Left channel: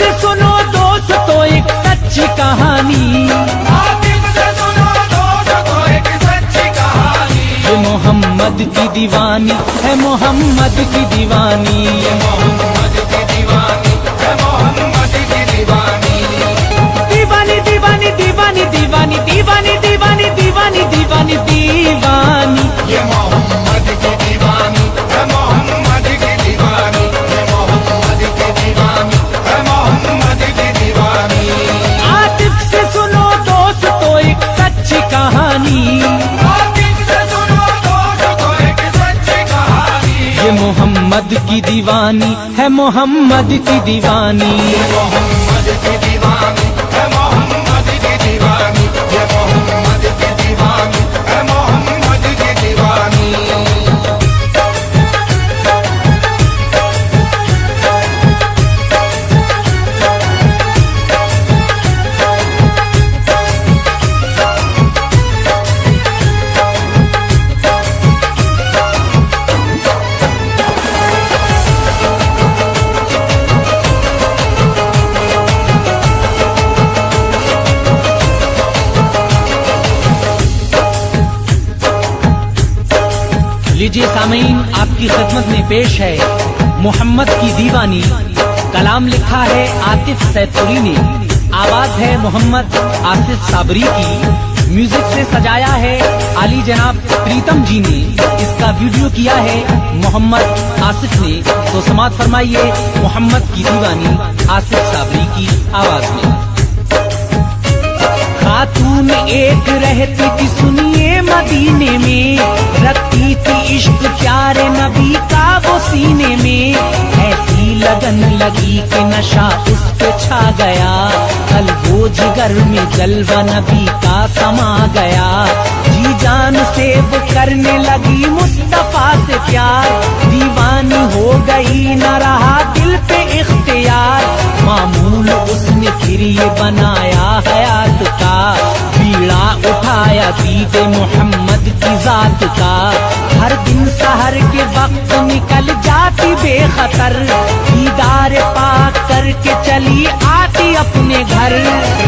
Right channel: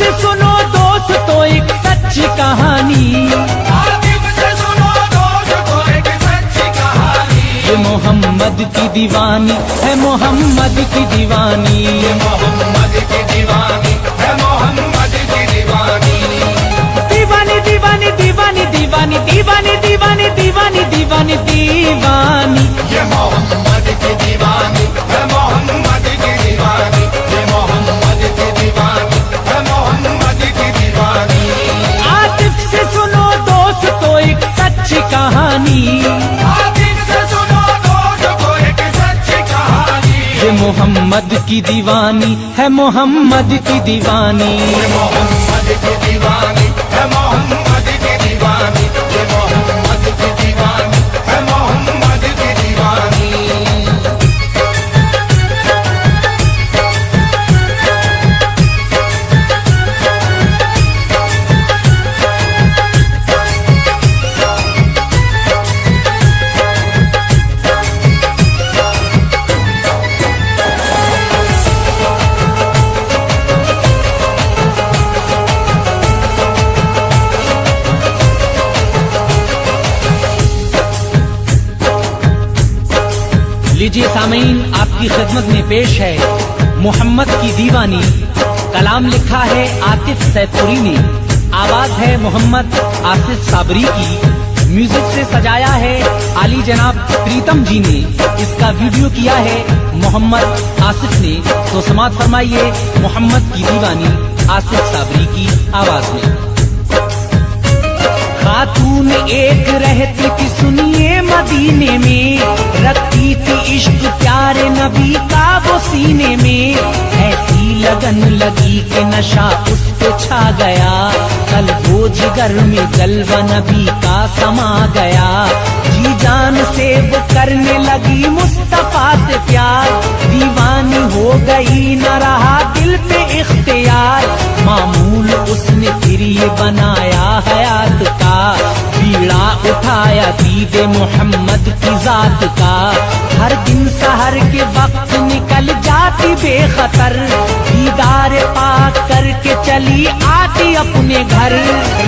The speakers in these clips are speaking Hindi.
से सुनो दोस्तों एक सच्ची कहानी, ये मोहम्मद की दीवानी है, मोहम्मद की दीवानी। दीवानी दीवानी दीवानी दीवानी दीवानी दीवानी दीवानी दीवानी दीवानी, ये मोहम्मद की दीवानी है, मोहम्मद की दीवानी, ये मोहम्मद की दीवानी है, मोहम्मद की दीवानी। आतिफ से सुनो दोस्तों एक सच्ची कहानी, आतिफ से सुनो दोस्तों एक सच्ची कहानी, ये मोहम्मद की दीवानी है, मोहम्मद की दीवानी। मोहम्मद की दीवानी है, मोहम्मद की दीवानी, ये मोहम्मद की दीवानी है, मोहम्मद की दीवानी। लीजिए सामीन, आपकी खिदमत में पेश है मोहम्मद की दीवानी। कलाम लिखा है आतिफ सैदपुरी ने, आवाज है मोहम्मद आसिफ साबरी की, म्यूजिक से सजाया है आली जनाब प्रीतम जी ने, इसका वीडियो किया है मोहम्मद आसिफ ने। तो समाअत फरमाइए मोहम्मद की दीवानी आसिफ साबरी की आवाज में। खातून एक रहती थी सुनिए मदीने में, रखती थी इश्क प्यारे नबी का वो सीने में, ऐसी लगन लगी कि नशा उस पे छा गया, कल वो जिगर में जलवा नबी का समा गया, जी जान से वो करने लगी मुस्तफा से प्यार, दीवानी हो गई न रहा दिल पे इख्तियार, मामूल उसने फिर ये बनाया हयात का, बीड़ा उठाया दीदे मोहम्मद की जात का, हर दिन सहर के वक्त निकल जाती बेखतर, दीदार पाक करके चली आती अपने घर,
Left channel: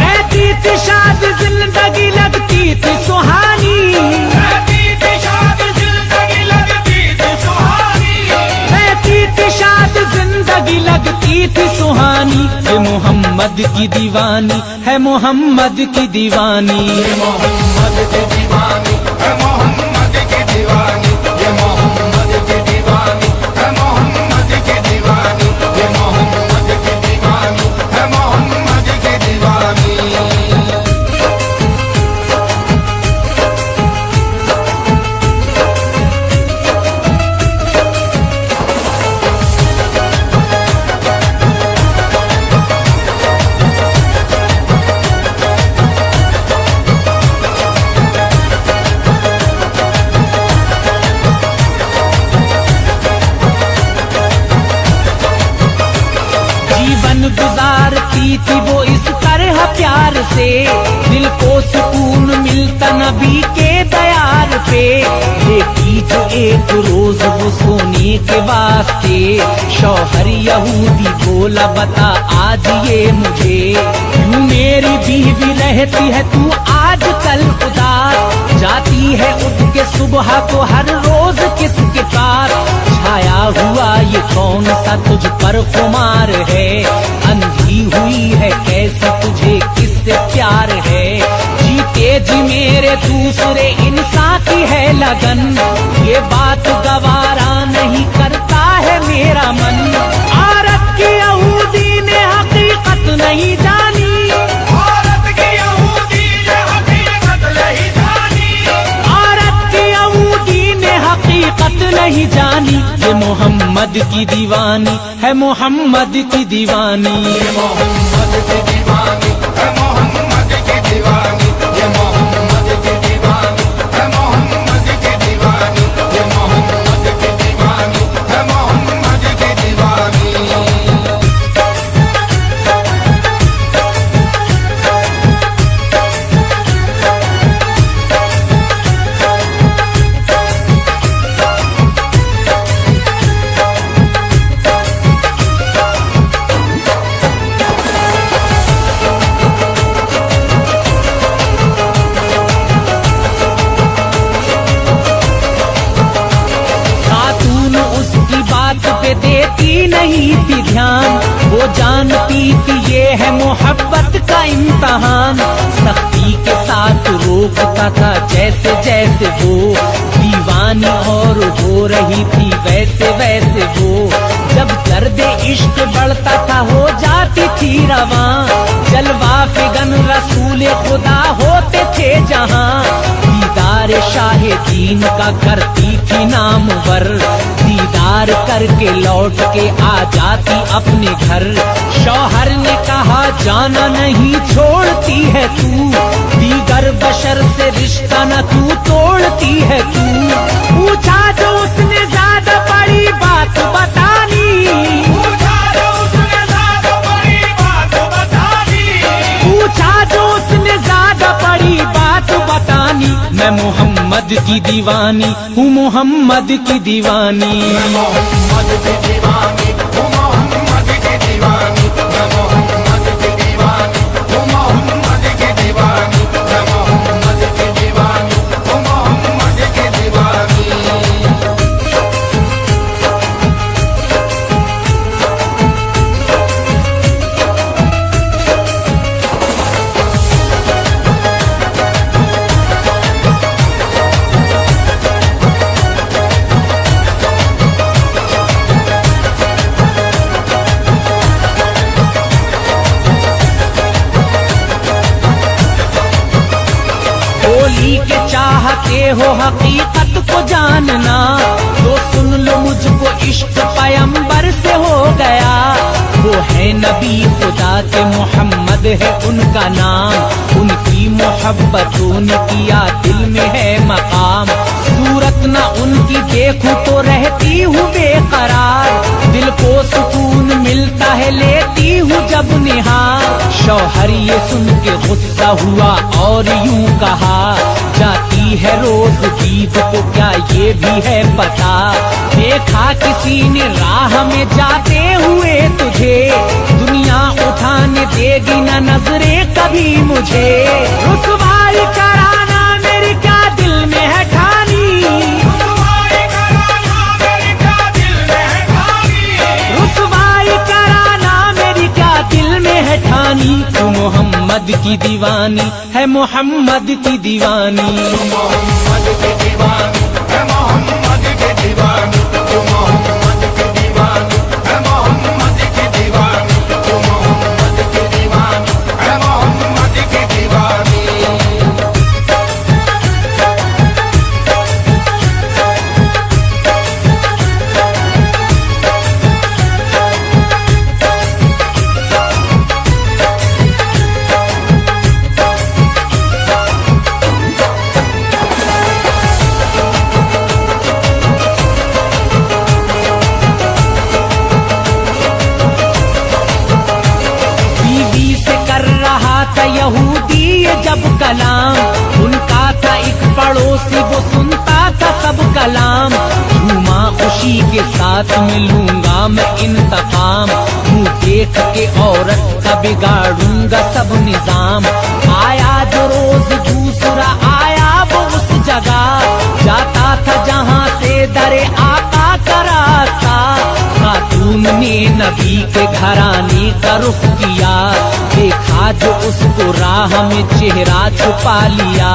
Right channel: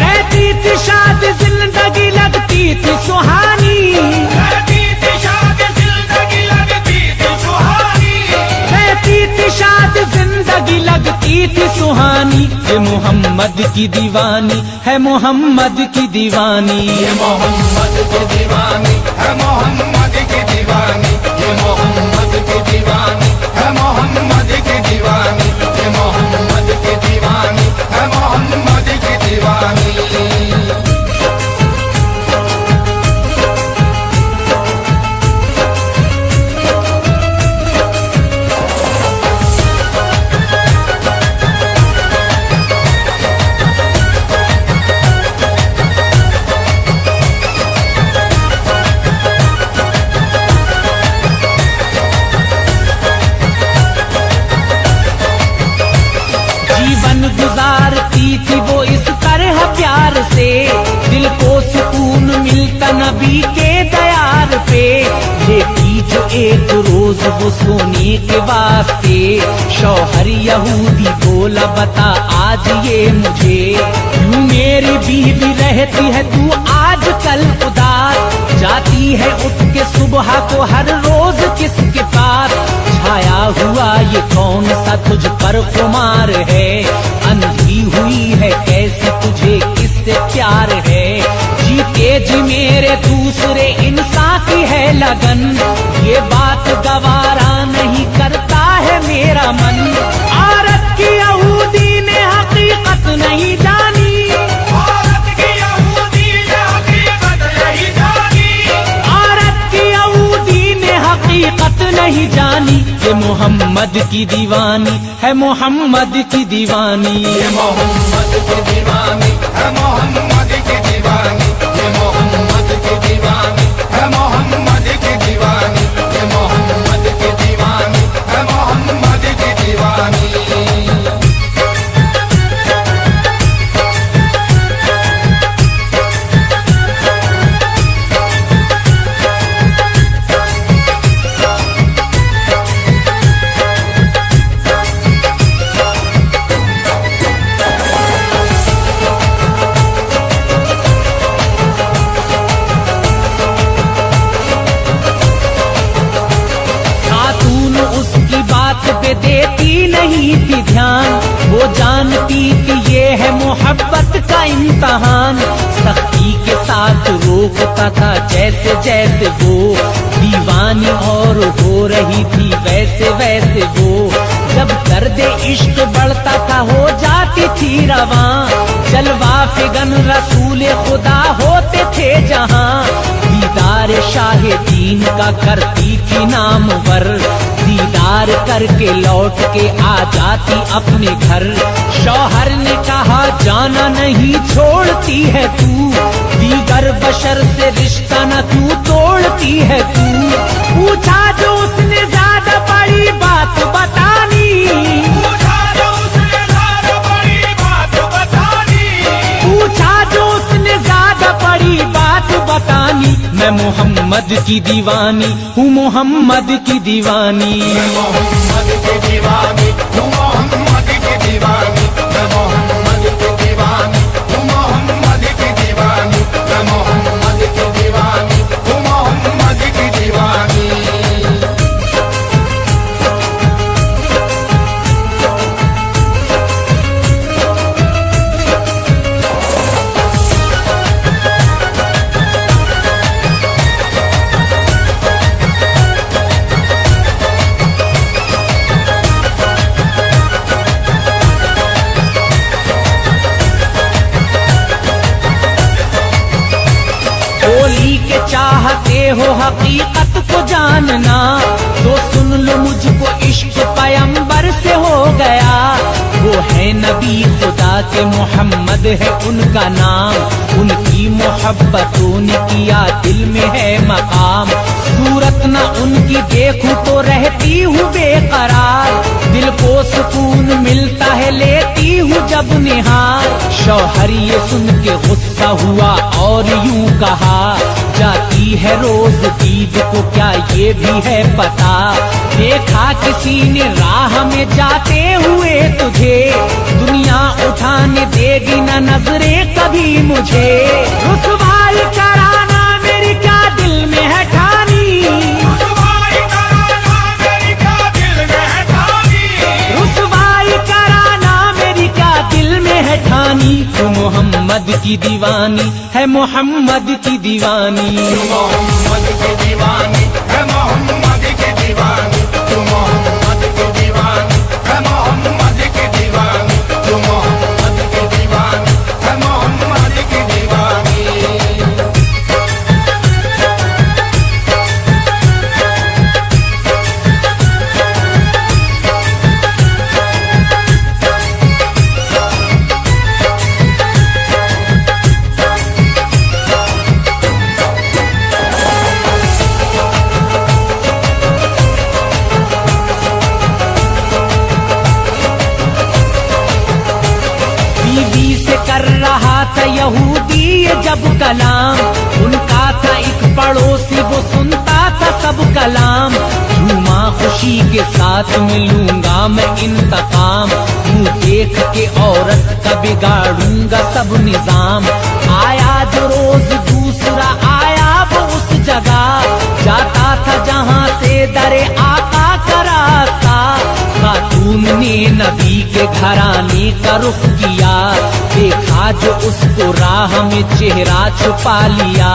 रहती थी शाद जिंदगी लगती थी सुहानी, रहती थी शाद जिंदगी लगती थी सुहानी, रहती थी शाद जिंदगी लगती थी सुहानी, ये मोहम्मद की दीवानी है, मोहम्मद की दीवानी। मोहम्मद की दीवानी है, मोहम्मद की दीवानी, ये मोहम्मद की दीवानी है, मोहम्मद की दीवानी, ये मोहम्मद की दीवानी है, मोहम्मद की दीवानी। जीवन गुजारती थी वो इस तरह प्यार से, दिल को सुकून मिलता नबी के दयार पे, लेकी जो एक रोज वो सोने के वास्ते, शौहर यहूदी बोला बता आज ये मुझे, यूं मेरी बीवी रहती है तू आज कल उदास, जाती है उठ के सुबह को हर रोज किसके पास, छाया हुआ ये कौन सा तुझ पर खुमार है, अंधी हुई है कैसी तुझे किससे प्यार है, जीते जी मेरे दूसरे इंसान की है लगन, ये बात गवारा नहीं करता है मेरा मन, औरत की यहूदी ने हकीकत नहीं जानी, औरत की यहूदी ने हकीकत नहीं जानी, औरत की यहूदी ने हकीकत नहीं जानी, ये मोहम्मद की दीवानी है, मोहम्मद की दीवानी। मोहम्मद की दीवानी है, मोहम्मद की दीवानी, ये मोहम्मद की दीवानी है, मोहम्मद की दीवानी, ये मोहम्मद की दीवानी है, मोहम्मद की दीवानी। बात पे देती नहीं थी ध्यान, वो जानती थी ये है मोहब्बत का इम्तहान। सख्ती के साथ रोकता था जैसे जैसे वो दीवानी, और हो रही थी वैसे वैसे वो। जब दर्द इश्क बढ़ता था हो जाती थी रवां, जलवा फिगन रसूल खुदा होते थे जहां। दीदार शाहे दीन का करती थी नामवर, दीदार करके लौट के आ जाती अपने घर। शौहर ने कहा जाना नहीं छोड़ती है तू, दीगर बशर से रिश्ता न क्यों तोड़ती है तू। पूछा जो उसने ज्यादा बड़ी बात बतानी, पूछा जो उसने ज्यादा बड़ी बात बतानी। मैं मोहम्मद की दीवानी हूँ, मोहम्मद की दीवानी। बोली के चाहते हो हकीकत को जानना, तो सुन लो मुझको इश्क पैगंबर से हो गया। वो है नबी खुदा के मोहम्मद है उनका नाम, उनकी मोहब्बतों ने किया दिल में है मकाम। सूरत न उनकी देखूं तो रहती हूँ बेकरार, दिल को सुकून मिलता है लेती हूँ जब निहार। शौहर ये सुन के गुस्सा हुआ और यूं कहा, जाती है रोज ईद को क्या ये भी है पता। देखा किसी ने राह में जाते हुए तुझे, दुनिया उठाने देगी ना नजरें कभी मुझे। रुसवाई कराना मेरी क्या दिल में है ठानी, रुसवाई कराना मेरी क्या दिल में है ठानी। तू मोहम्मद की दीवानी है, मोहम्मद की दीवानी। बीवी से कर रहा था यहूदी ये जब कलाम, उनका था एक पड़ोसी वो सुनता था सब कलाम। झूमा खुशी के साथ मिलूंगा मैं इंतकाम, मुँह देख के औरत का बिगाड़ूंगा सब निजाम। आया जो रोज दूसरा आया वो उस जगह, जाता था जहाँ से दरे आका का रास्ता। खातून ने नबी के घराने का रुख किया, देखा जो उसको राह में चेहरा छुपा लिया।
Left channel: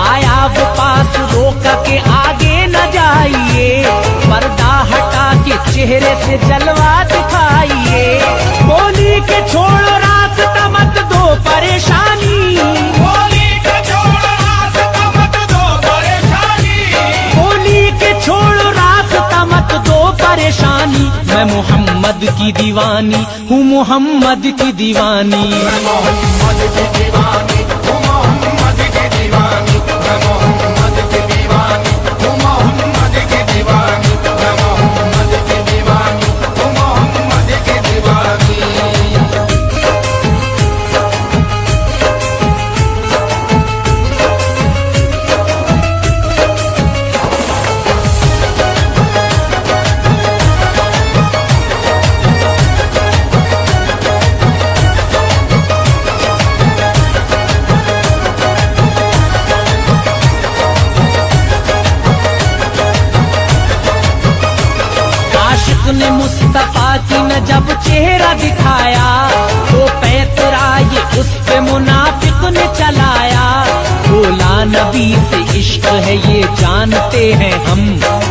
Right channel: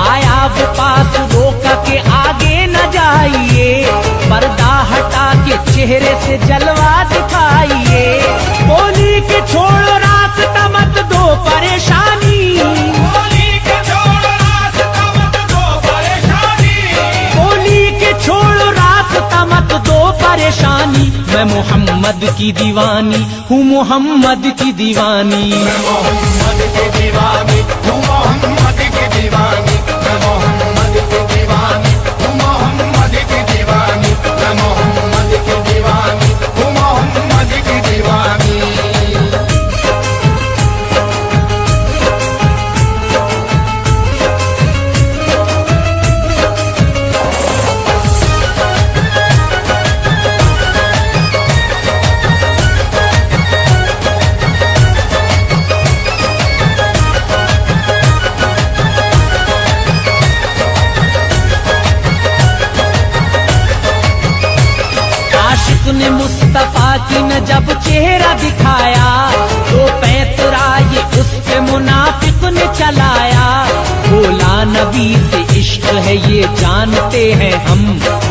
आया वो पास रोका के आगे न जाइए, पर्दा हटा के चेहरे से जलवा दिखाइए। बोली के छोड़ो रास्ता मत दो परेशानी, बोली के छोड़ो रास्ता मत दो परेशानी। मैं मोहम्मद की दीवानी हूँ, मोहम्मद की दीवानी। ने मुस्तफा की न जब चेहरा दिखाया, तो पैतरा ये उस पे मुनाफिक ने चलाया। बोला नबी से इश्क है ये जानते हैं हम,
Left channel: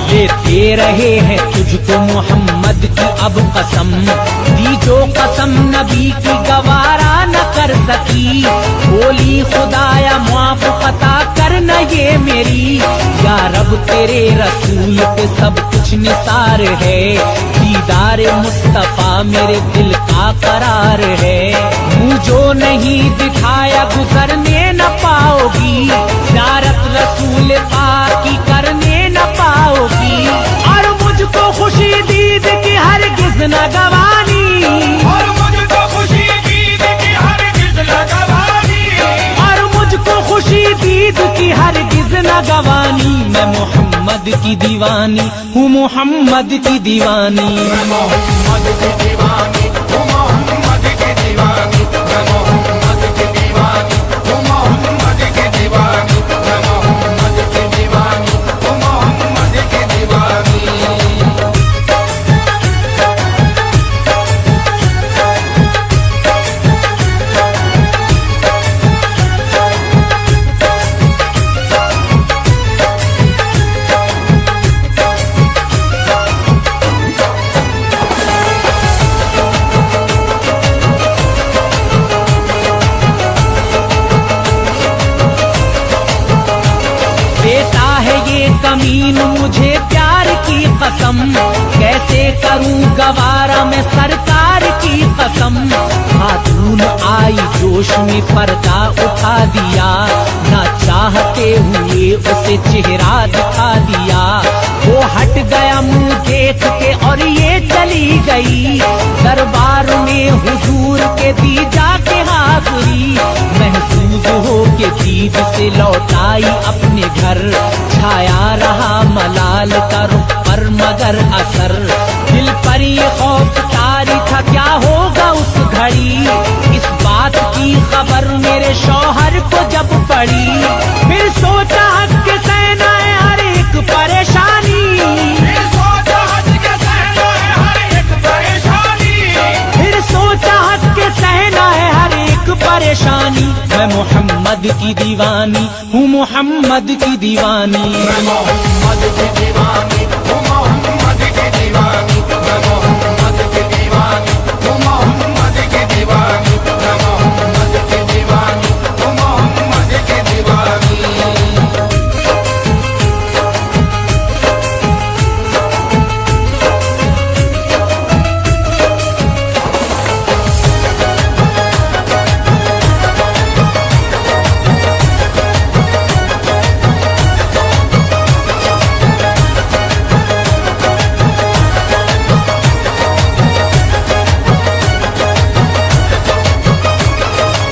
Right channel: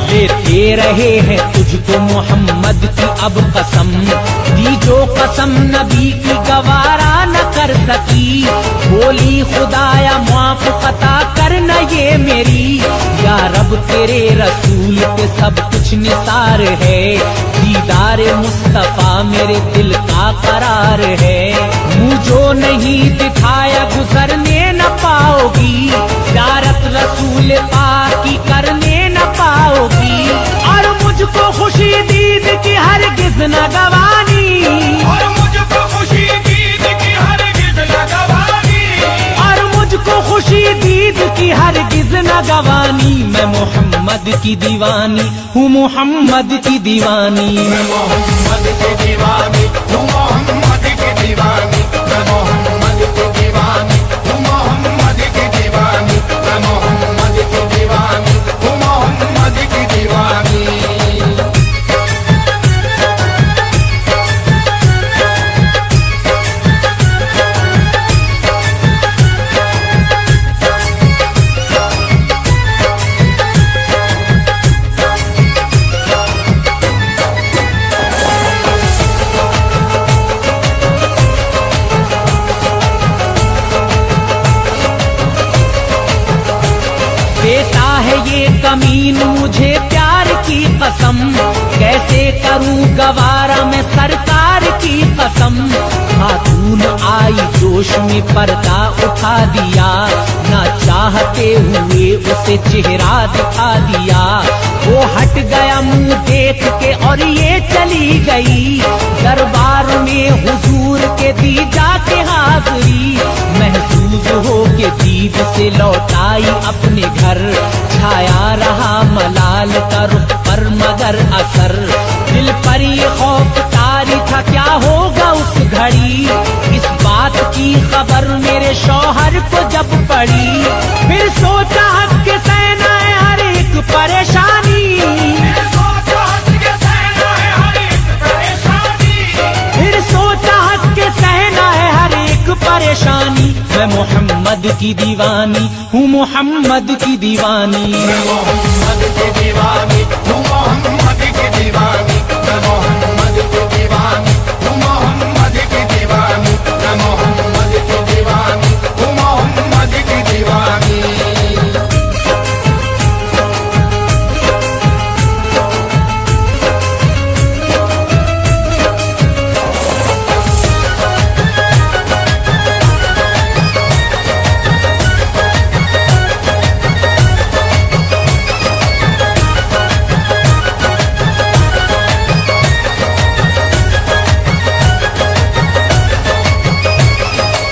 लेते रहे हैं तुझको मोहम्मद की अब कसम। दी जो कसम नबी की गवारा न कर सकी, बोली खुदाया मुआफ खता करना ये मेरी। या रब तेरे रसूल पे सब कुछ निसार है, दीदार मुस्तफा मेरे दिल का करार है। मुझो नहीं दिखाया गुजरने न पाओगी, ज़ियारत रसूल पाक की करने न पाओगी। और मुझको खुशी दीद की हरगिज़ न गवानी, और मुझको खुशी दीद की हरगिज़ न गवानी, और मुझको खुशी दीद की हरगिज़ न गवानी। मैं मोहम्मद की दीवानी हूँ, मोहम्मद की दीवानी। मोहम्मद की दीवानी हूँ, मोहम्मद की दीवानी। मैं मोहम्मद की दीवानी हूँ, मोहम्मद की दीवानी। मैं मोहम्मद की दीवानी हूँ, मोहम्मद की दीवानी। देता है ये कमीन मुझे प्यार की कसम, कैसे करूं गवारा मैं सरकार की कसम। खातून आई जोश में पर्दा उठा दिया, ना चाहते हुए उसे चेहरा दिखा दिया। वो हट गया मुंह देख के और ये चली गई, दरबार में हुजूर के दी जाके हाज़री। महसूस हो के दीद से लौटाई अपने घर, छाया रहा मलाल का रुख पर मगर असर। दिल पर ये खौफ तारी था क्या होगा उस घड़ी, इस बात की खबर मेरे शौहर को जब पड़ी। फिर सोचा हंस के सहना है हर एक परेशानी, फिर सोचा हंस के सहना है हर एक परेशानी। फिर सोचा हंस के सहना है हर एक परेशानी। मैं मोहम्मद की दीवानी हूँ, मोहम्मद की दीवानी। मोहम्मद की दीवानी हूँ, मोहम्मद की दीवानी। मैं मोहम्मद की दीवानी हूँ, मोहम्मद की दीवानी। मैं मोहम्मद की दीवानी हूँ, मोहम्मद की दीवानी।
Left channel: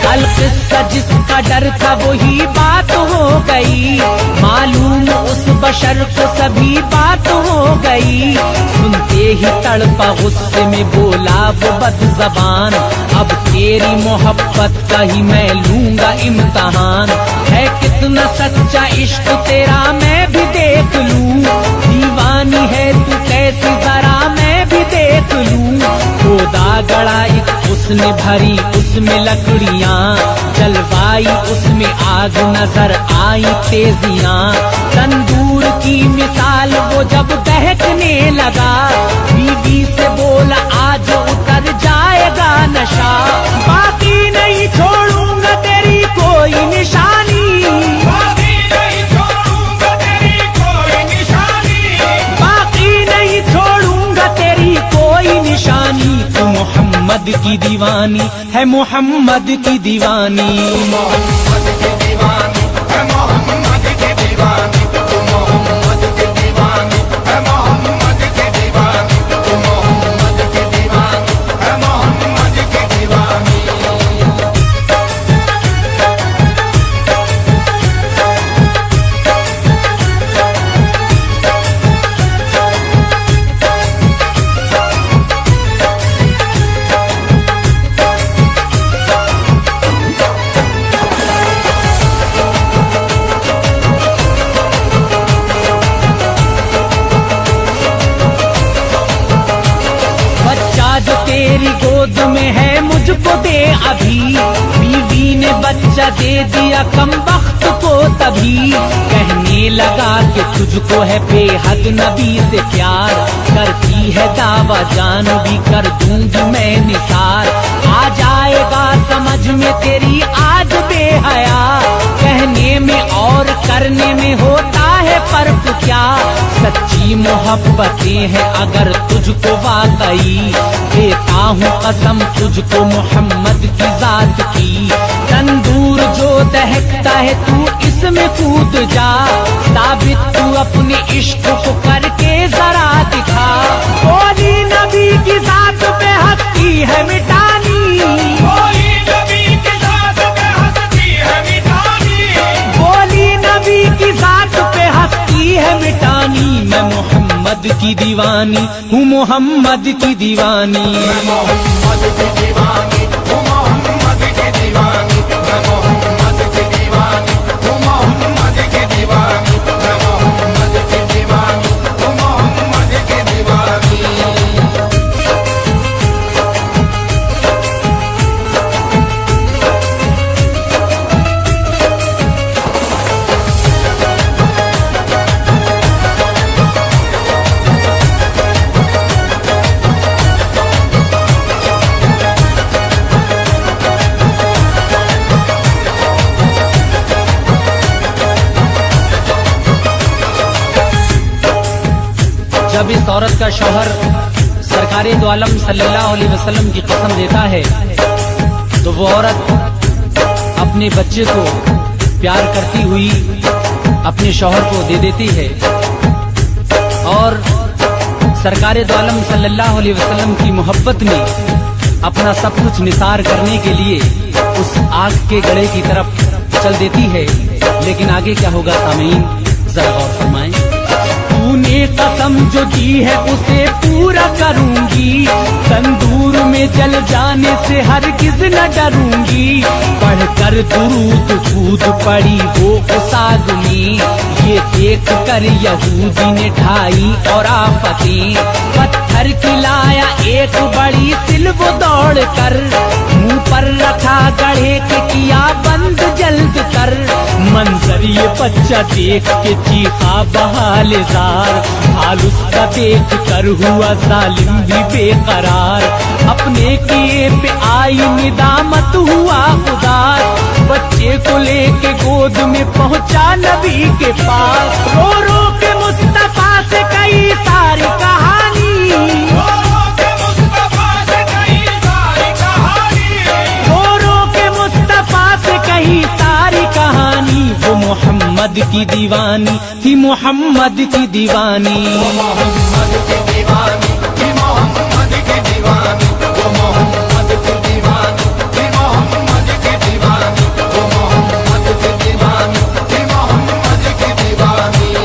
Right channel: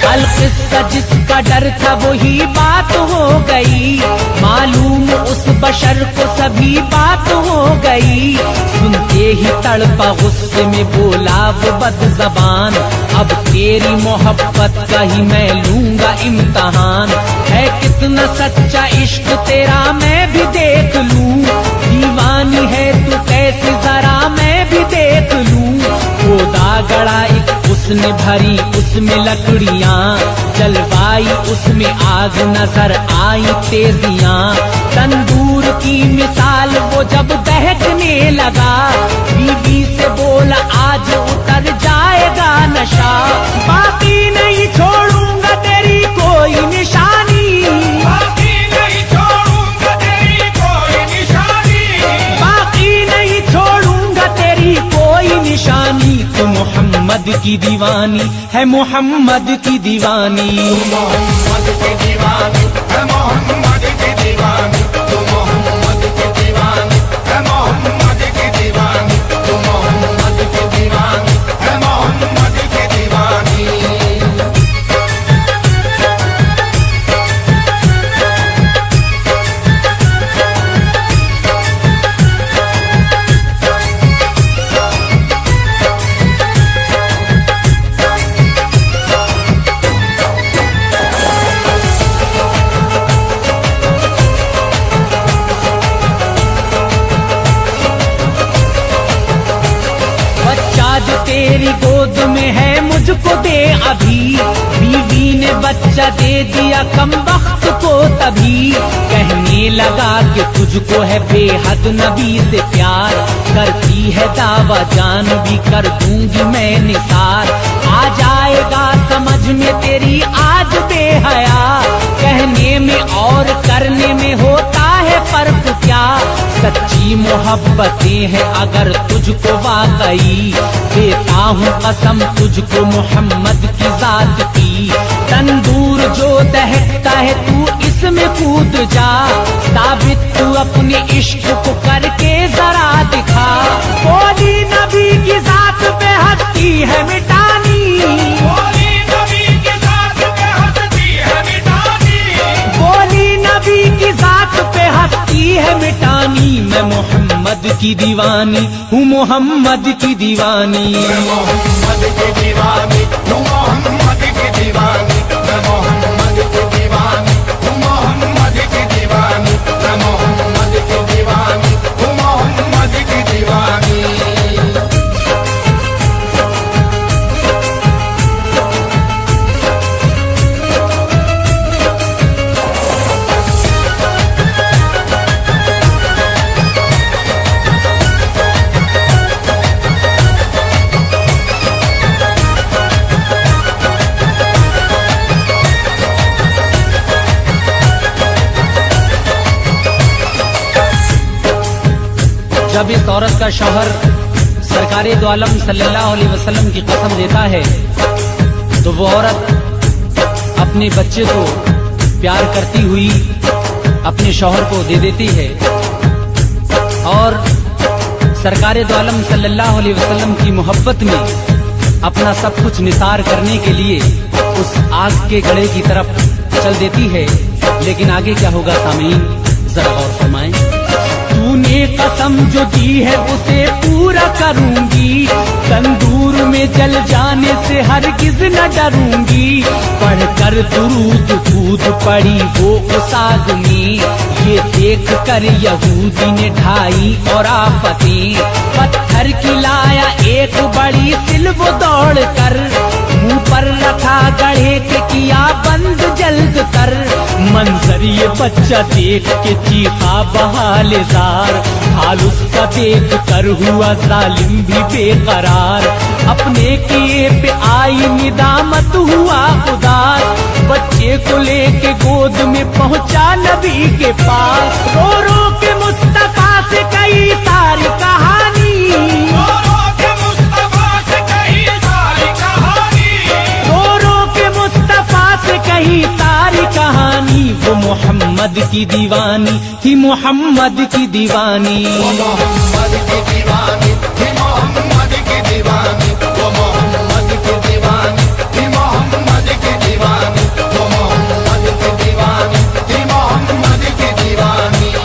अलकिस्सा जिसका डर था वही बात हो गई, मालूम उस बशर को सभी बात हो गई। सुनते ही तड़पा गुस्से में बोला वो बदज़बान, अब तेरी मोहब्बत का ही मैं लूंगा इम्तहान। है कितना सच्चा इश्क तेरा मैं भी देख लूं, दीवानी है तू कैसी जरा मैं भी देख लूं। खोदा गड़ा एक उसने भरी उसमें लकड़ियां, जलवाई उसमें आग नजर आई तेजियां। तंदूर की मिसाल वो जब दहकने लगा, बीवी से बोला आज उतर जाएगा नशा। बाकी नहीं छोड़ूंगा तेरी कोई निशानी, बाकी नहीं छोड़ूंगा तेरी कोई निशानी। बाकी नहीं छोड़ूंगा तेरी कोई निशानी। तू मोहम्मद की दीवानी है, मोहम्मद की दीवानी। मोहम्मद की दीवानी है, मोहम्मद की दीवानी। तू मोहम्मद की दीवानी है, मोहम्मद की दीवानी। तू मोहम्मद की दीवानी है, मोहम्मद की दीवानी। जो तेरी गोद में है मुझको दे अभी। बीवी ने बच्चा दे दिया कम वक्त को तभी। कहने लगा कि तुझको है बेहद नबी से प्यार। करती है दावा जान भी कर दूंगी मैं निसार। आ जाएगा समझ में तेरी आज बेहया। कहने में और करने में होता है फर्क क्या। सच्ची मोहब्बतें हैं अगर तुझको वाकई। देता हूँ कसम तुझको मोहम्मद की जात की। तंदूर जो दहकता है तू इसमें कूद जा। साबित तू अपने इश्क को करके जरा दिखा। बोली नबी की जात पे हस्ती है मिटानी। बोली नबी की जात पे हस्ती है मिटानी। बोली नबी की जात पे हस्ती है मिटानी। मैं मोहम्मद की दीवानी हूँ मोहम्मद की दीवानी। मोहम्मद की दीवानी हूँ मोहम्मद की दीवानी। मैं मोहम्मद की दीवानी हूँ मोहम्मद की दीवानी। मैं मोहम्मद की दीवानी हूँ मोहम्मद की दीवानी। जब इस औरत का शौहर सरकारे दो आलम सल्लल्लाहु अलैहि वसल्लम की कसम देता है तो वो औरत अपने बच्चे को प्यार करती हुई अपने शौहर को दे देती है और सरकारे दो आलम सल्लल्लाहु अलैहि वसल्लम की मोहब्बत में अपना सब कुछ निसार करने के लिए उस आग के गड़े की तरफ चल देती है। लेकिन आगे क्या होगा सामीन जरा गौर फरमाएं। तूने कसम जो दी है उसे पूरा करूंगी। तंदूर में जल जाने से हरगिज न डरूंगी। पढ़कर दुरूद कूद पड़ी वो उस आग में। ये देख कर यहूदी ने ढाई और आफतें। पत्थर की लाया एक बड़ी सिल वो दौड़ कर। मुंह पर रखा गढ़े के किया बंद जल्द कर। मंजर ये बच्चा देख के चीखा बहाले जार। हाल उसका देख कर हुआ जालिम भी बेकरार। अपने किए पे आई निदामत हुआ उदास। बच्चे को लेके गोद में पहुंचा नबी के पास। रो रो के मुस्तफा से कई सारी कहानी। रो रो के मुस्तफा से कही सारी कहानी। रो रो के मुस्तफा से कही सारी कहानी। वो मोहम्मद की दीवानी थी मोहम्मद की दीवानी। मोहम्मद की दीवानी थी मोहम्मद की दीवानी। वो मोहम्मद की दीवानी थी मोहम्मद की दीवानी। वो मोहम्मद की दीवानी थी मोहम्मद की दीवानी।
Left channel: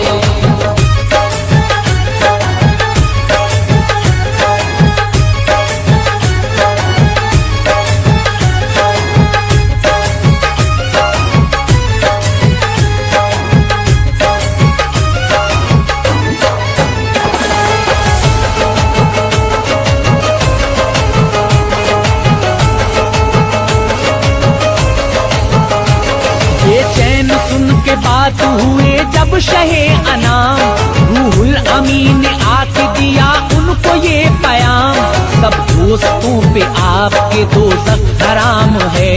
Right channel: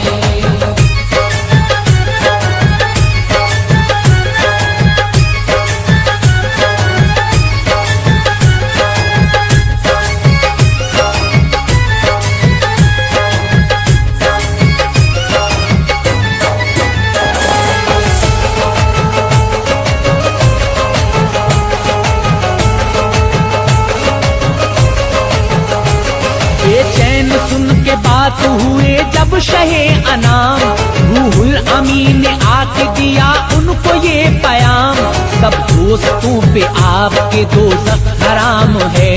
बेचैन सुन के बात हुए जब शहे अनाम। रूहुल अमीन ने आके दिया उनको ये पयाम। सब दोस्तों पे आपके दोज़ख हराम है।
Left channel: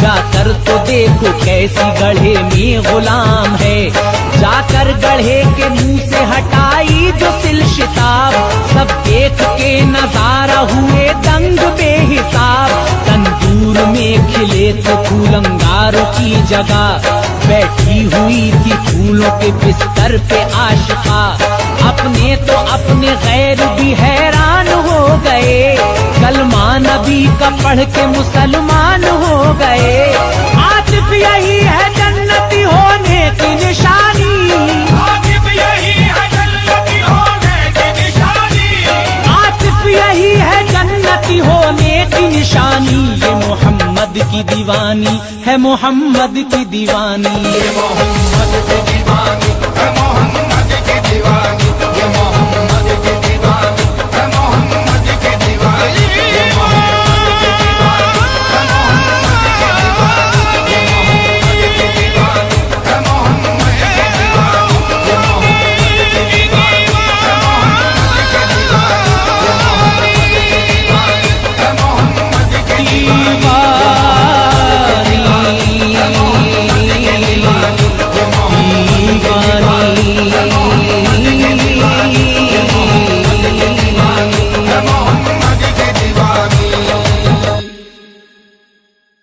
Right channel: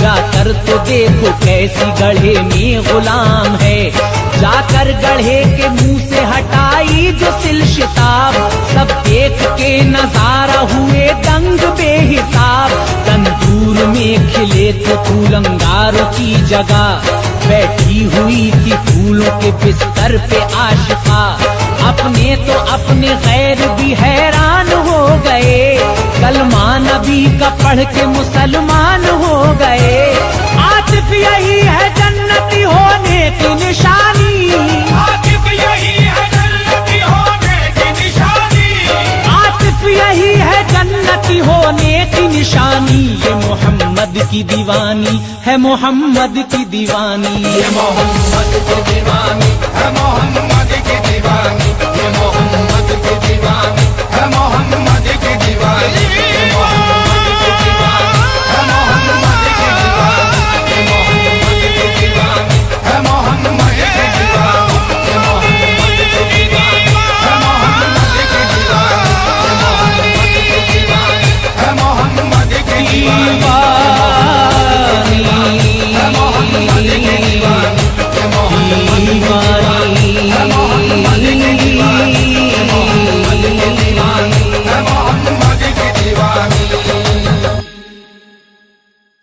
जाकर तो देखो कैसी गढ़े में गुलाम है। जाकर गढ़े के मुंह से हटाई जो सिल शिताब। सब देख के नजारा हुए दंग बेहिसाब। तंदूर में खिले थे फूल अंगारों की जगह। बैठी हुई थी फूलों के बिस्तर पे आशिका। अपने तो अपने गैर भी हैरान हो गए। कलमा नबी का पढ़ के मुसलमान हो गए। आतिफ यही है जन्नती होने की निशानी। आतिफ यही है जन्नती होने की निशानी। आतिफ यही है जन्नती होने की निशानी। ये मोहम्मद की दीवानी है मोहम्मद की दीवानी। मोहम्मद